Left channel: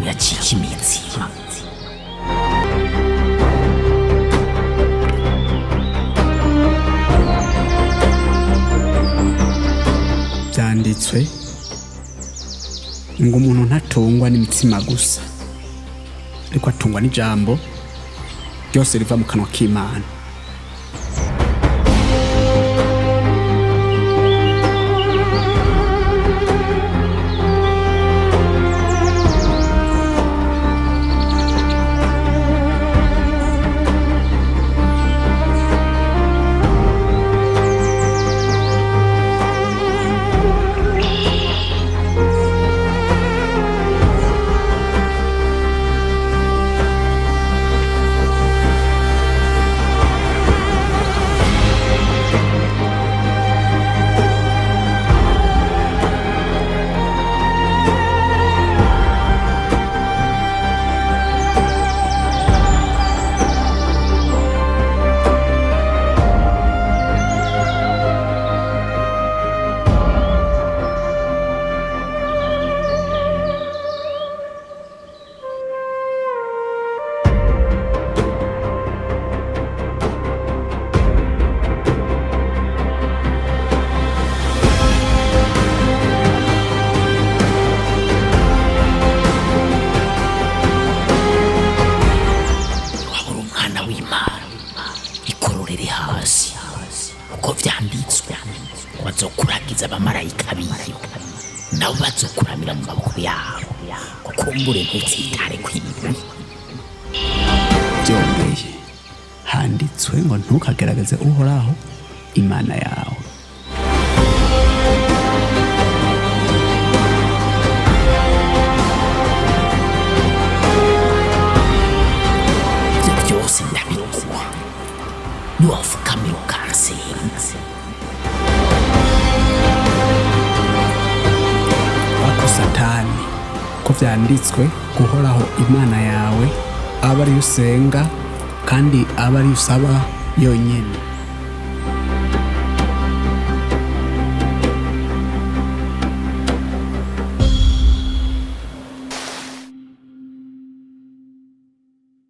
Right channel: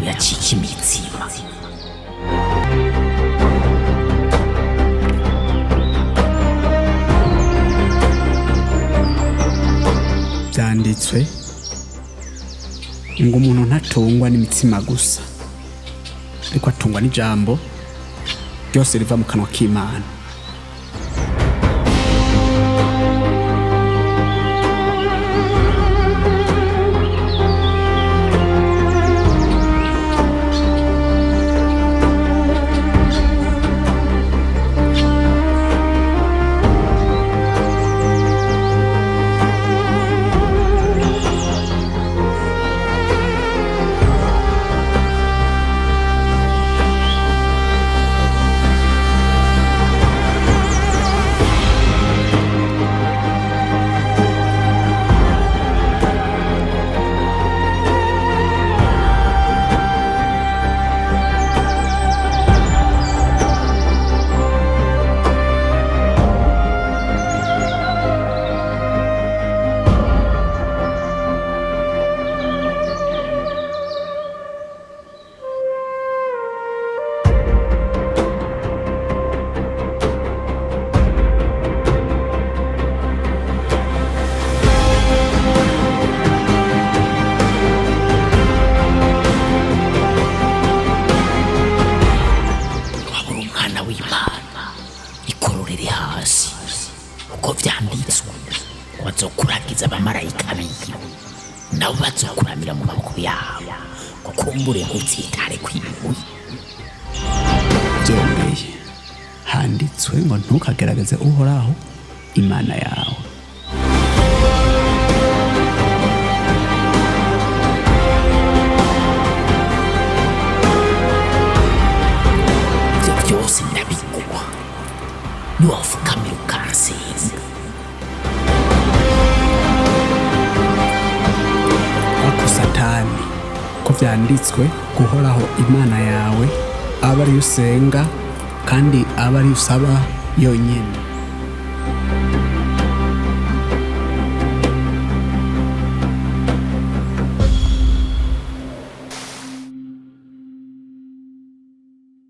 biracika imitsima. Byanditswe ngo umuntu ntatungwa n'imitsima gusa, ariko atungwa n'ijambo ryose riva mu kanwa k'Imana. W'Imana ikororere hasi uko vyanditswe ngo bazokuragiza abamarayika biwe nabo bazokuramira mu maboko yabo kukumbure ntuzitare kw'ibibuye. Byongeye handitswe ngo ntukagerageze Uhoraho Imana yawe. Ibyo byose ndabiguha niwafukamira ukansenga. Bako Satani ko vyanditswe guhoraho Imana yawe aba ari usenga kandi aba ari usaba yonyene.